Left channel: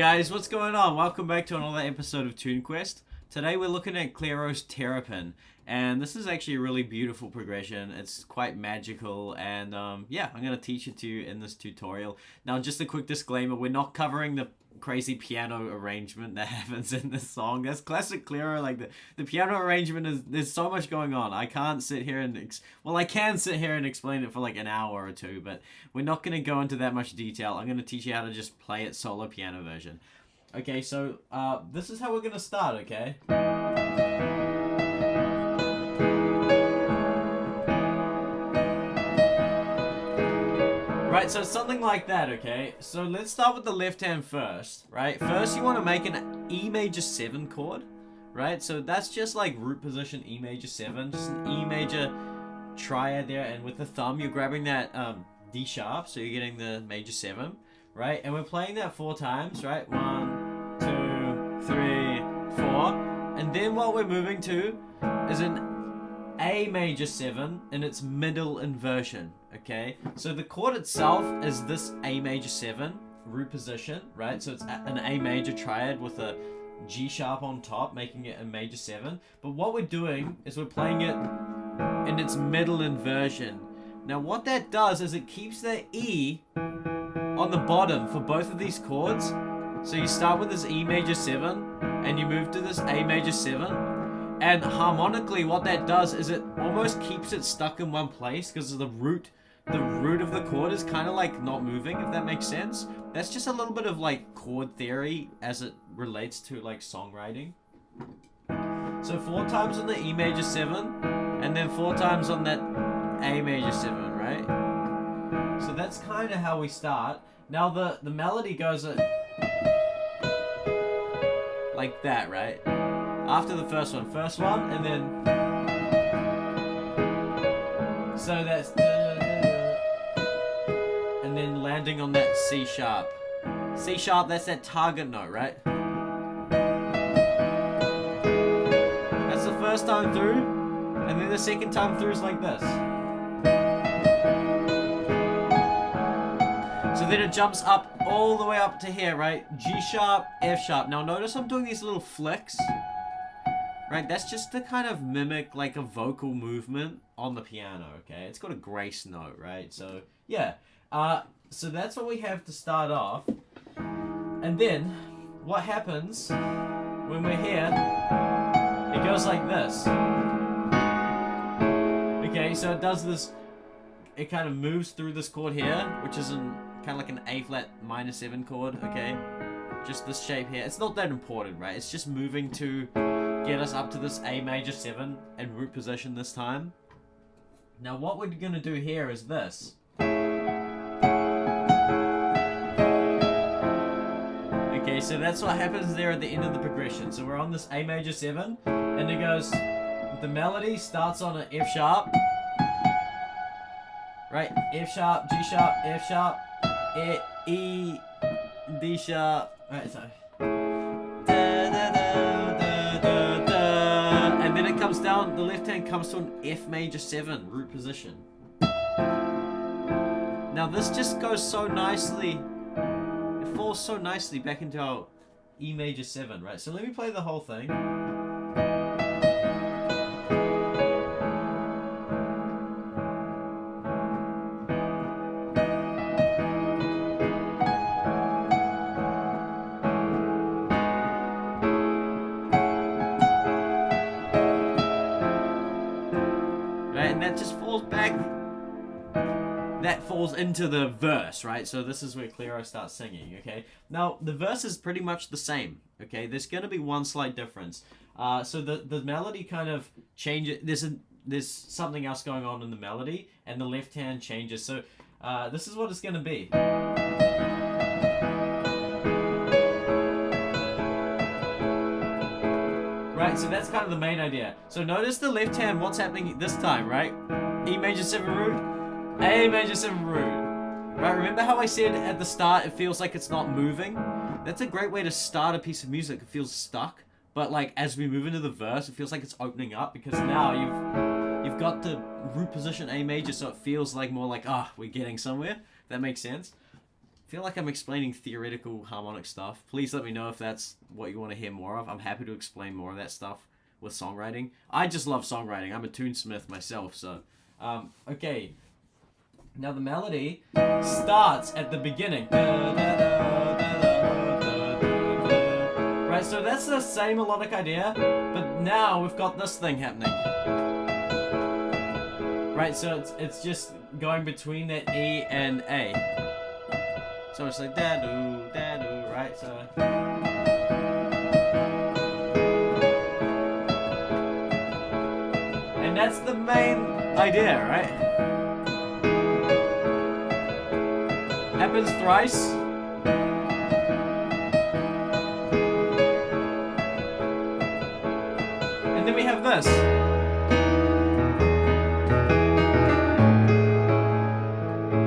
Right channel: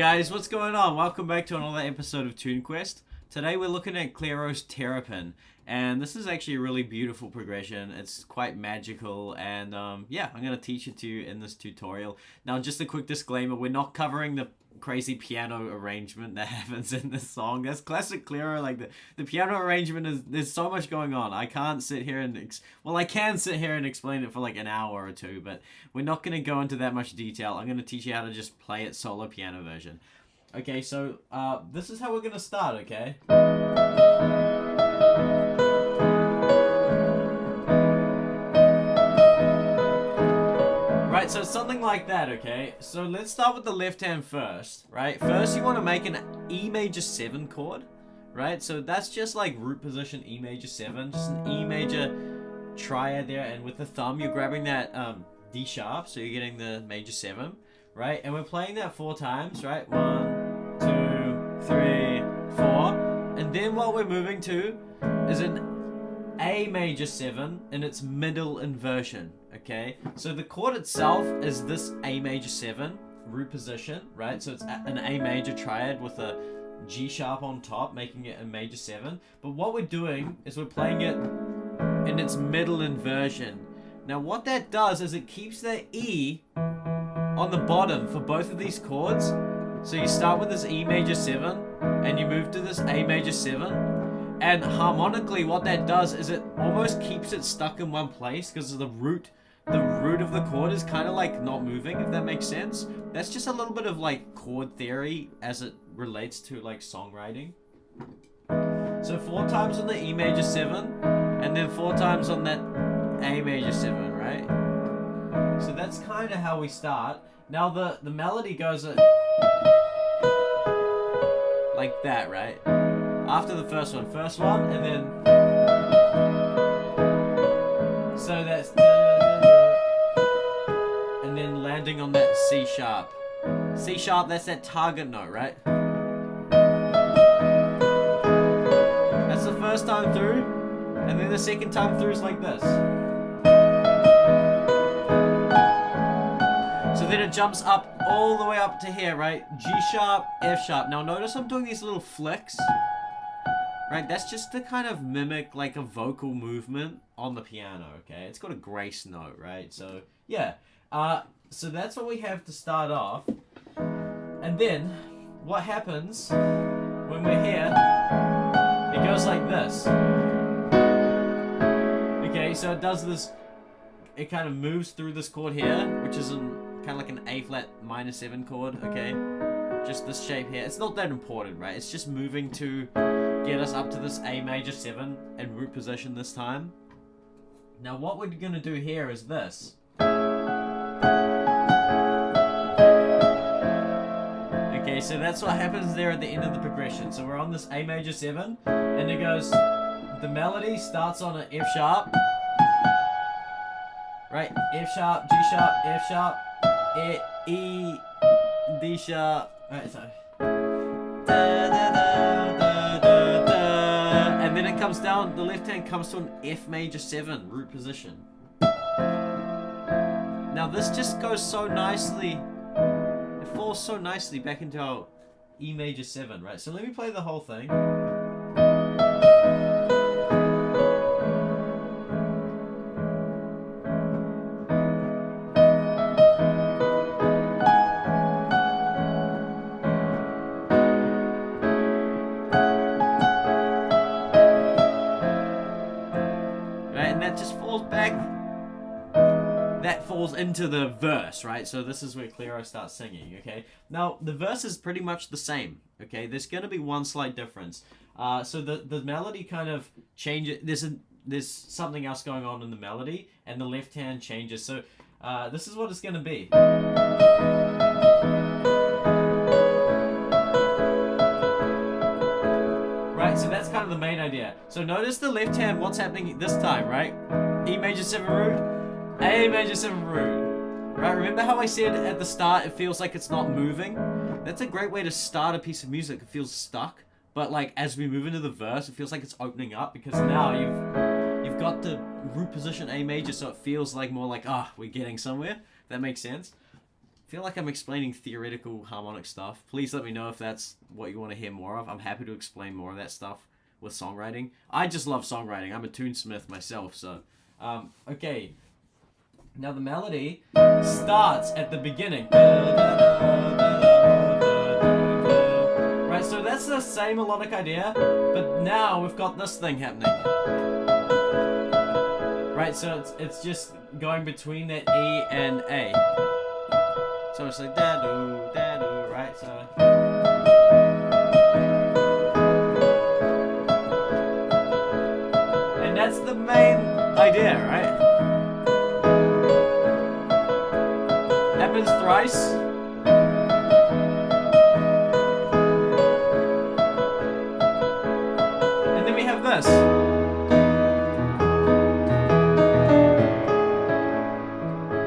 guys, what's going on? Welcome back to another episode of Tune Quest. Today we're looking at Clairo's Terrapin, and this is actually a really beautiful progression. It's quite magical, and yeah, I'm going to teach it to you in this tutorial. Now, just a quick disclaimer, we're not covering the crazy piano arrangement that happens in this song. That's classic Clairo. Like the piano arrangement is, there's so much going on. I can't sit here and I can sit here and explain it for like an hour or two, but we're not going to go into that much detail. I'm going to teach you how to just play it solo piano version. Okay, so this is how we're going to start, okay? Right, so something like that, okay? So let's start with the left hand first, right? First, you want to make an E major 7 chord, right? So that's just like root position E major 7, just an E major triad there, and with the thumb, you're grabbing that D sharp, so you're getting the major 7, right? And we're playing that 4 times, right? 1, 2, 3, 4. And then what we're moving to is an A major 7 in its middle inversion, okay? So the chord itself is this A major 7 root position, right? So it's an A major triad with a G sharp on top, making it a major 7. But what we're doing is we're playing it in its middle inversion. Now what that does is it keeps the E on the bottom for both of these chords. So you start with this E major 7 and you move to this A major 7. And harmonically, what that does is it almost keeps it stuck in one place because the root of the chord is kind of like not moving, if that makes sense. That's just a little bit of like chord theory as it relates to like songwriting. So 4 times on the E major 7 and then 4 times on that A major 7, right? So that's kind of how we start. Now the melody goes like that, right? After the first one, and then so that's and then landing on that C sharp. C sharp, that's that target note, right? That's the first time through, and then the second time through is like this. So then it jumps up all the way up to here, right? G sharp, F sharp. Now notice I'm doing these little flicks. Right, that's just to kind of mimic like a vocal movement on the piano, okay? It's got a grace note, right? So, yeah. So that's what we have to start off. And then, what happens when we're here, it goes like this. Okay, so it does this, it kind of moves through this chord here, which is kind of like an A flat minor 7 chord, okay? Just this shape here. It's not that important, right? It's just moving to get us up to this A major 7 and root position this time. Now what we're going to do here is this. Okay, so that's what happens there at the end of the progression. So we're on this A major 7 and it goes, the melody starts on an F sharp, right? F sharp, G sharp, F sharp, E, D sharp, right, sorry. And then it comes down, the left hand comes to an F major 7 root position. Now this just goes so nicely, it falls so nicely back into our E major 7, right? So let me play the whole thing. And that just falls back, that falls into the verse, right? So this is where Clairo starts singing, okay? Now, the verse is pretty much the same, okay? There's going to be one slight difference. So the melody kind of changes, there's something else going on in the melody, and the left hand changes. So this is what it's going to be. Right, so that's kind of the main idea. So notice the left hand, what's happening this time, right? E major 7 root, A major 7 root. Right, remember how I said at the start it feels like it's not moving? That's a great way to start a piece of music. It feels stuck, but like as we move into the verse, it feels like it's opening up because now you've got the root position A major, so it feels like more like, we're getting somewhere. If that makes sense. feel like I'm explaining theoretical harmonic stuff. Please let me know if that's what you want to hear more of. I'm happy to explain more of that stuff with songwriting. I just love songwriting. I'm a tunesmith myself, so... okay. Now the melody starts at the beginning. Right, so that's the same melodic idea, but now we've got this thing happening. Right, so it's just going between that E and A. So it's like da-doo, da-doo, right? So... And that's the main idea, right? Happens thrice. And then we have this.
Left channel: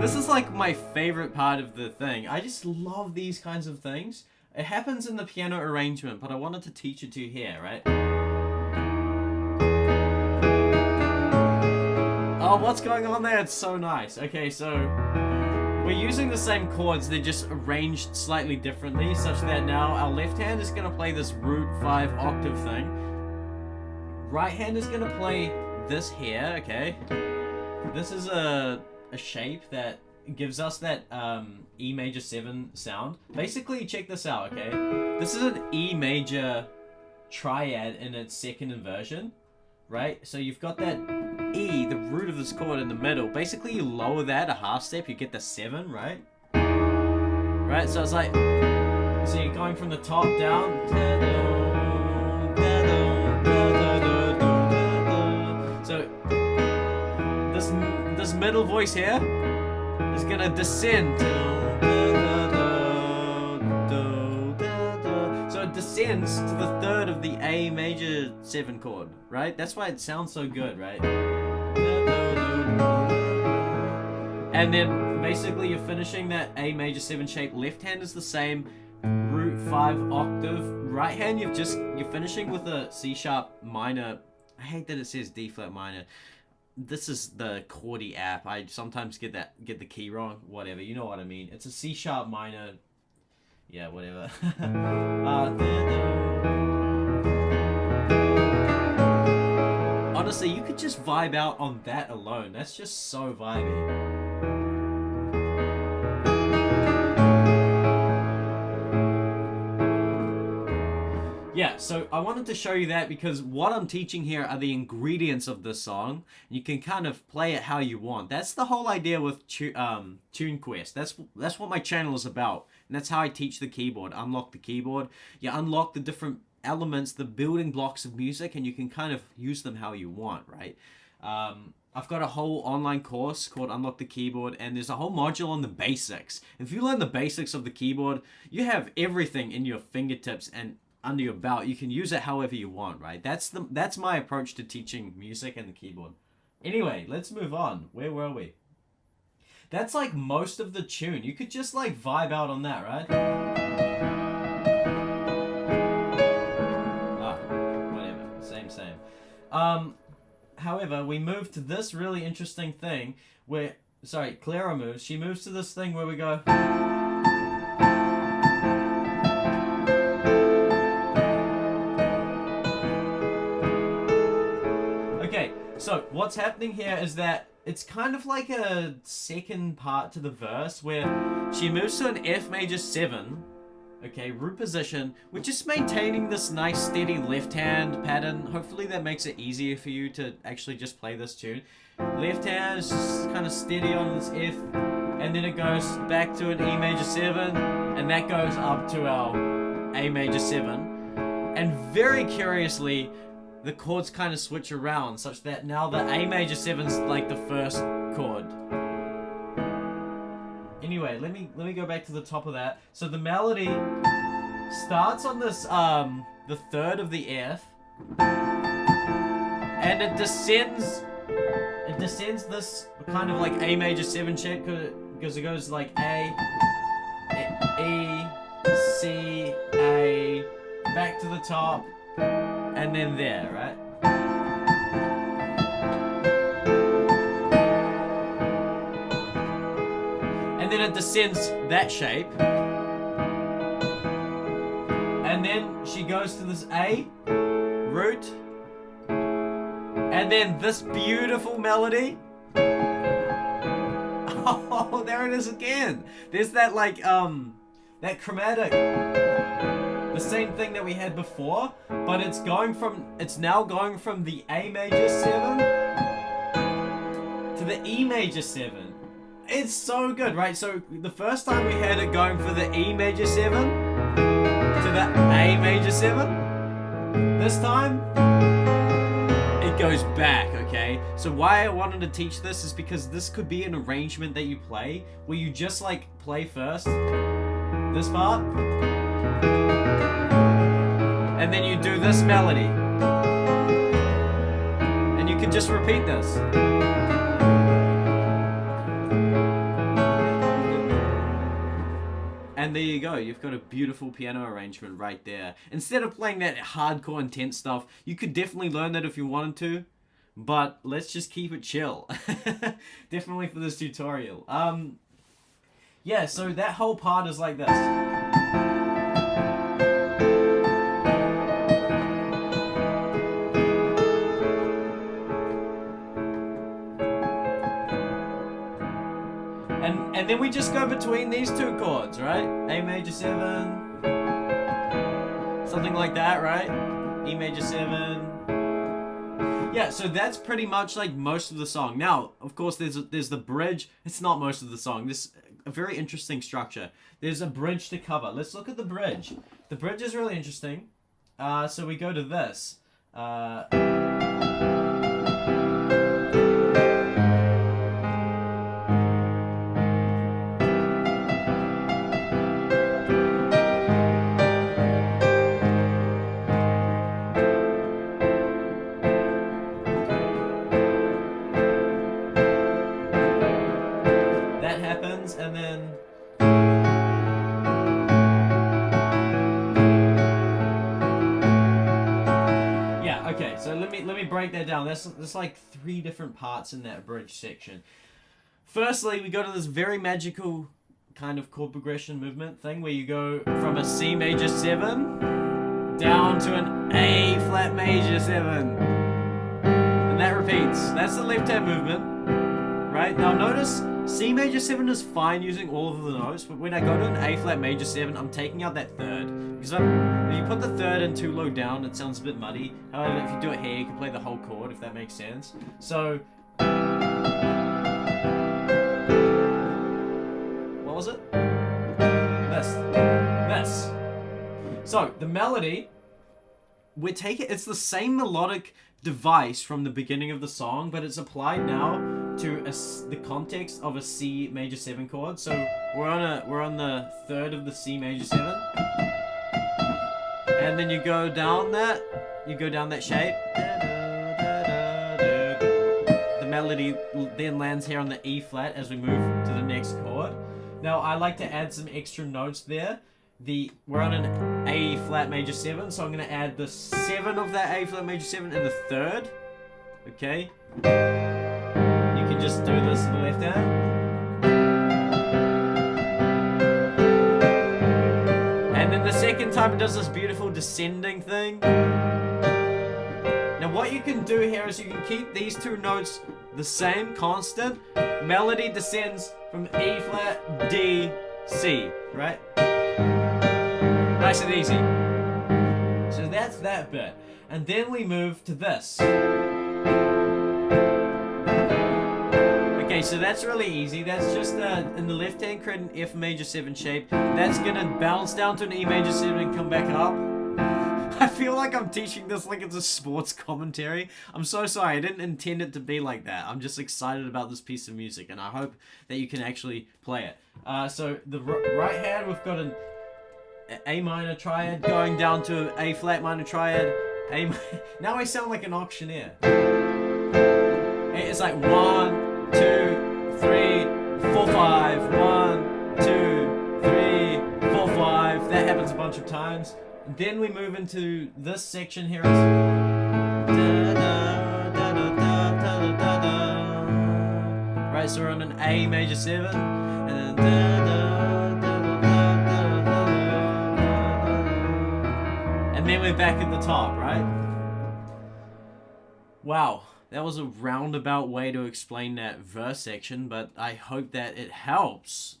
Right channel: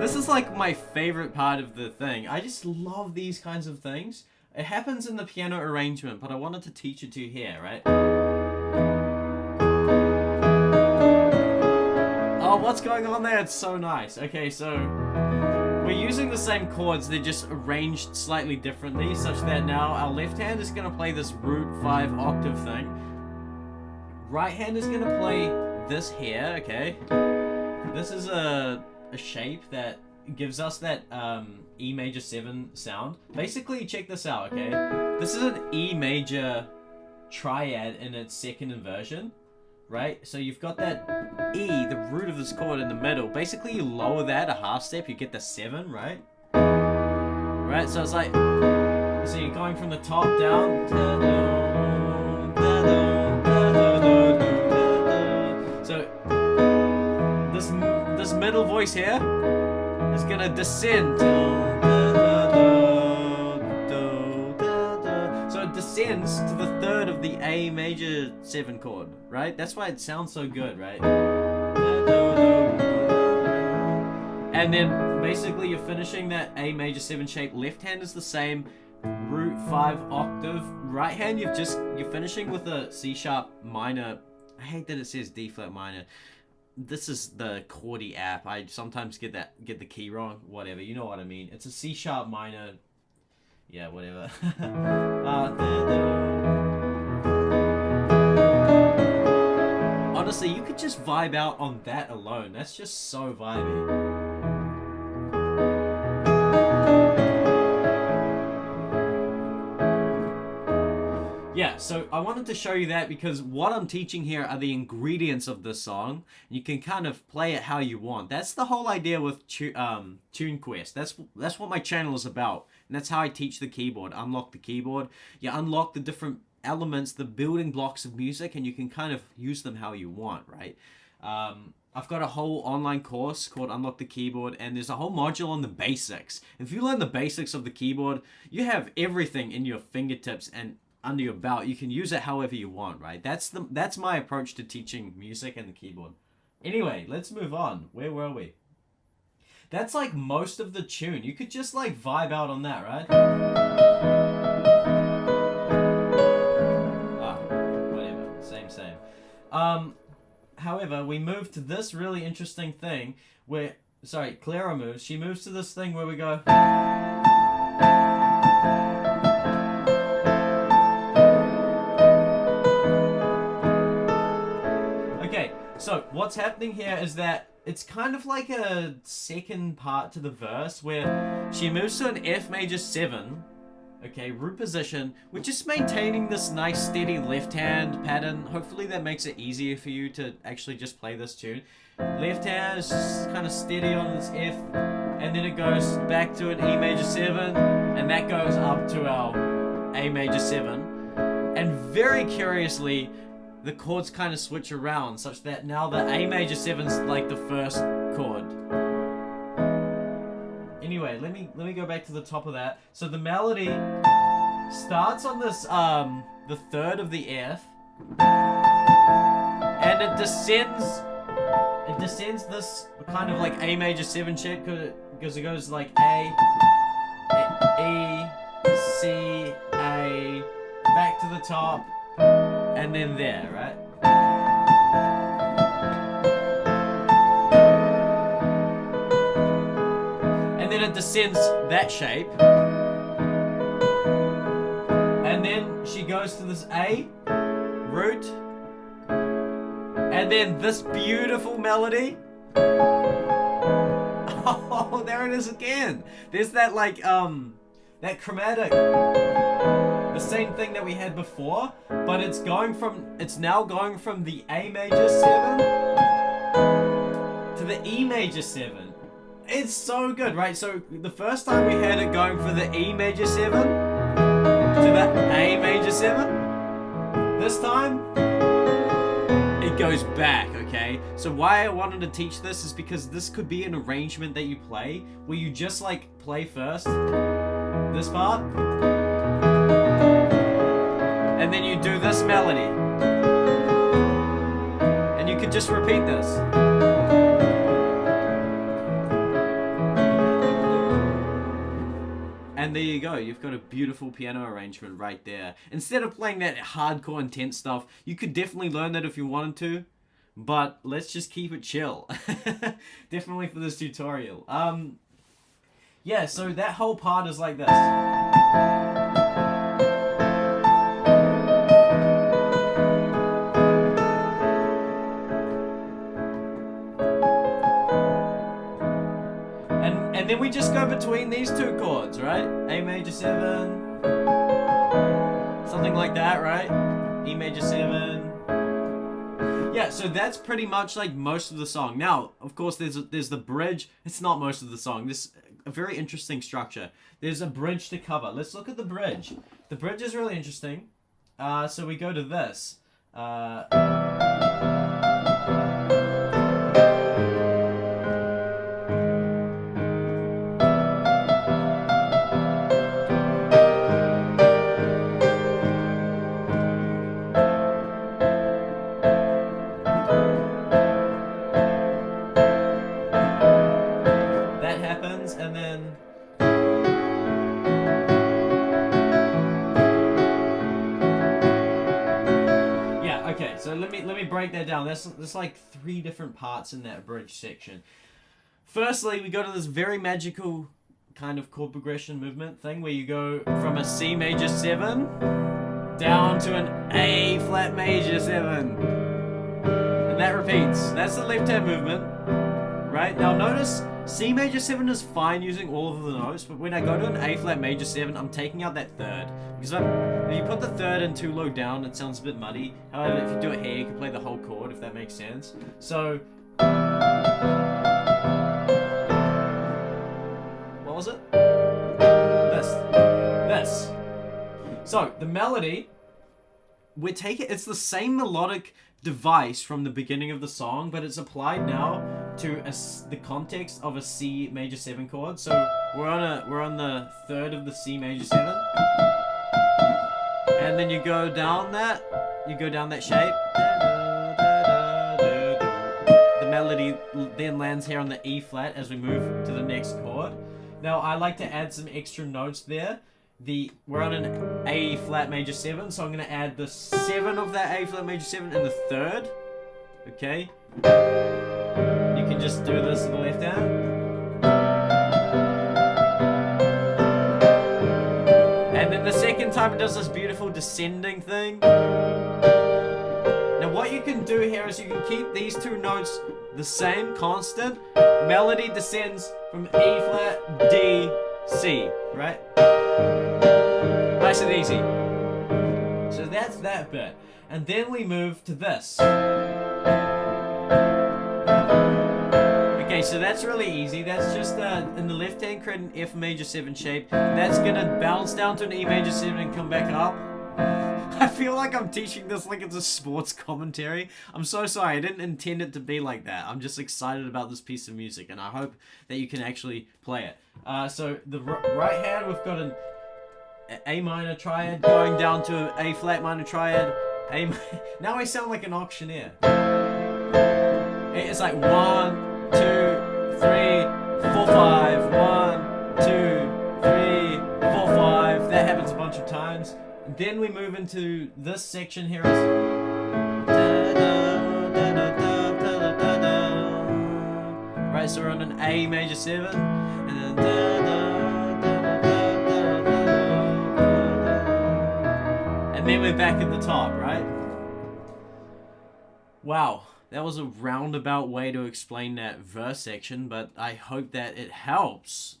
This is like my favorite part of the thing. I just love these kinds of things. It happens in the piano arrangement, but I wanted to teach it to you here, right? Oh, what's going on there? It's so nice. Okay, so we're using the same chords, they're just arranged slightly differently, such that now our left hand is going to play this root 5 octave thing. Right hand is going to play this here, okay? This is a shape that gives us that E major 7 sound. Basically, check this out, okay? This is an E major triad in its second inversion, right? So you've got that E, the root of this chord in the middle. Basically, you lower that a half step, you get the 7, right? Right, so it's like, so you're going from the top down. So this middle voice here is gonna descend. So it descends to the third of the A major 7 chord, right? That's why it sounds so good, right? And then basically you're finishing that A major 7 shape. Left hand is the same, root 5 octave. Right hand you're finishing with a C sharp minor. I hate that it says D flat minor. This is the chordy app. I sometimes get the key wrong. Whatever, you know what I mean. It's a C sharp minor. Yeah, whatever. Honestly, you could just vibe out on that alone. That's just so vibey. Yeah, so I wanted to show you that because what I'm teaching here are the ingredients of this song. You can kind of play it how you want. That's the whole idea with TuneQuest. That's what my channel is about. And that's how I teach the keyboard. Unlock the keyboard. You unlock the different elements, the building blocks of music, and you can kind of use them how you want, right? I've got a whole online course called Unlock the Keyboard, and there's a whole module on the basics. If you learn the basics of the keyboard, you have everything in your fingertips and under your belt. You can use it however you want, right? That's my approach to teaching music and the keyboard. Anyway, let's move on. Where were we? That's like most of the tune. You could just like vibe out on that, right? Whatever. Same. However, we move to this really interesting thing where, sorry, Clairo moves. She moves to this thing where we go. Okay, so what's happening here is that it's kind of like a second part to the verse where she moves to an F major 7, okay, root position. We're just maintaining this nice steady left hand pattern. Hopefully that makes it easier for you to actually just play this tune. Left hand is just kind of steady on this F, and then it goes back to an E major 7, and that goes up to our A major 7. And very curiously, the chords kind of switch around such that now the A major 7's like the first chord. Anyway, let me go back to the top of that. So the melody starts on this the third of the F, and it descends this kind of like A major 7 shape because it goes like A, E, C, A, back to the top, and then there, right? and then it descends that shape. And then she goes to this A root, and then this beautiful melody. Oh, there it is again. There's that like that chromatic, the same thing that we had before, but it's now going from the A major 7 to the E major 7. It's so good, right? So the first time we had it going for the E major 7 to the A major 7. This time it goes back, okay? So why I wanted to teach this is because this could be an arrangement that you play where you just like play first this part, and then you do this melody, and you could just repeat this. And there you go, you've got a beautiful piano arrangement right there. Instead of playing that hardcore intense stuff, you could definitely learn that if you wanted to, but let's just keep it chill. Definitely for this tutorial. Yeah, so that whole part is like this. And then we just go between these two chords, right? A major 7, something like that, right? E major 7. Yeah, so that's pretty much like most of the song. Now, of course, there's the bridge. It's not most of the song. This a very interesting structure. There's a bridge to cover. Let's look at the bridge. The bridge is really interesting. So we go to this. And then yeah, okay, so let me break that down. There's like 3 different parts in that bridge section. Firstly, we go to this very magical kind of chord progression movement thing where you go from a C major 7 down to an A flat major 7, and that repeats. That's the left hand movement, right? Now notice C major 7 is fine using all of the notes, but when I go to an A flat major 7, I'm taking out that third. Because if you put the third in too low down, it sounds a bit muddy. However, if you do it here, you can play the whole chord, if that makes sense. So what was it? This. So the melody, it's the same melodic device from the beginning of the song, but it's applied now to the context of a C major 7 chord. So we're on the third of the C major 7, and then you go down that shape. The melody then lands here on the E flat as we move to the next chord. Now I like to add some extra notes there. We're on an A flat major 7, so I'm going to add the 7 of that A flat major 7 in the third. Okay? You can just do this with the left hand. And then the second time it does this beautiful descending thing. Now what you can do here is you can keep these 2 notes the same, constant. Melody descends from E flat, D, C, right? Nice and easy. So that's that bit. And then we move to this. Okay, so that's really easy. That's just in the left hand, create an F major 7 shape. That's gonna bounce down to an E major 7 and come back up. I feel like I'm teaching this like it's a sports commentary. I'm so sorry, I didn't intend it to be like that. I'm just excited about this piece of music, and I hope that you can actually play it. So the right hand, we've got an A minor triad going down to A flat minor triad. Now I sound like an auctioneer. It's like 1, 2, 3, 4, 5. 1, 2, 3, 4, 5. That happens a bunch of times. And then we move into this section here. Right, so we're on an A major 7, and then And then we're back at the top, right? Wow, that was a roundabout way to explain that verse section, but I hope that it helps.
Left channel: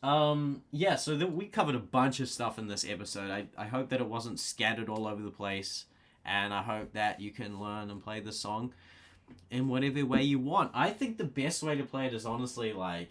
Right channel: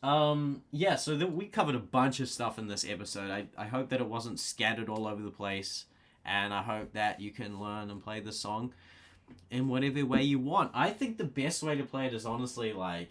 Yeah, so we covered a bunch of stuff in this episode. I hope that it wasn't scattered all over the place, and I hope that you can learn and play the song in whatever way you want. I think the best way to play it is honestly like...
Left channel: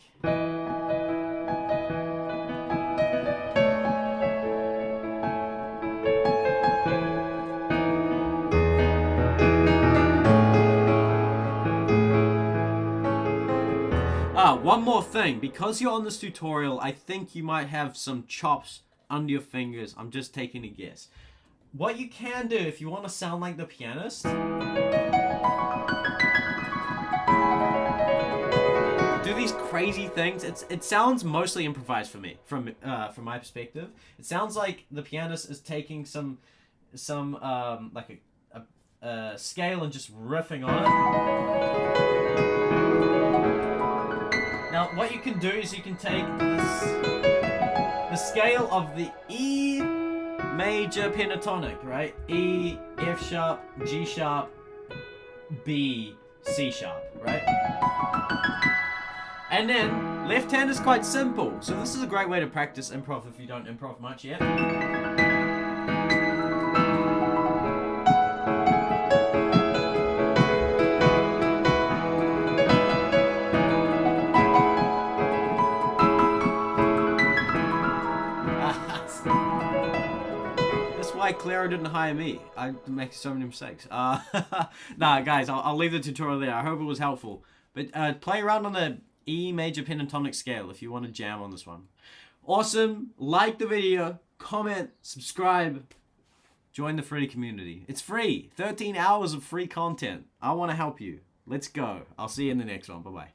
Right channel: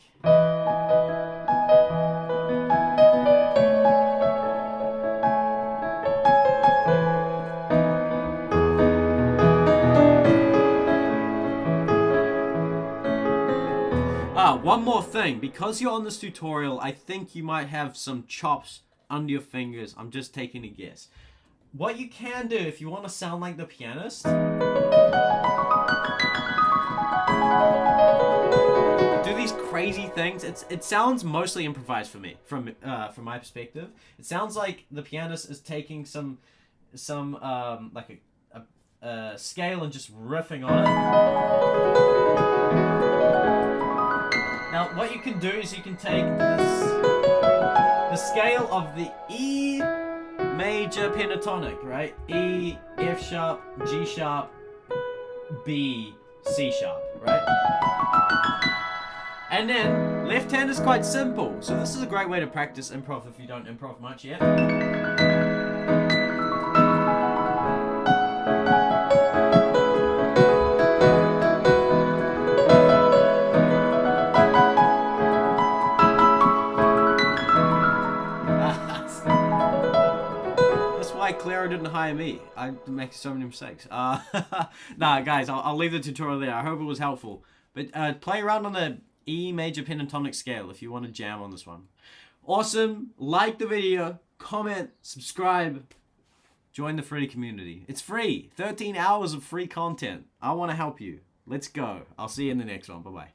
one more thing. Because you're on this tutorial, I think you might have some chops under your fingers. I'm just taking a guess. What you can do if you want to sound like the pianist... do these crazy things. It sounds mostly improvised for me, from my perspective. It sounds like the pianist is taking some like a scale and just riffing on it. Now, what you can do is you can take the scale of the E major pentatonic, right? E, F sharp, G sharp, B, C sharp, right? And then, left hand is quite simple. So this is a great way to practice improv if you don't improv much yet. That's why Clairo didn't hire me. I make so many mistakes. Nah, guys, I'll leave the tutorial there. I hope it was helpful. But play around on the E major pentatonic scale if you want to jam on this one. Awesome. Like the video, comment, subscribe, join the free community. It's free. 13 hours of free content. I want to help you. Let's go. I'll see you in the next one. Bye-bye.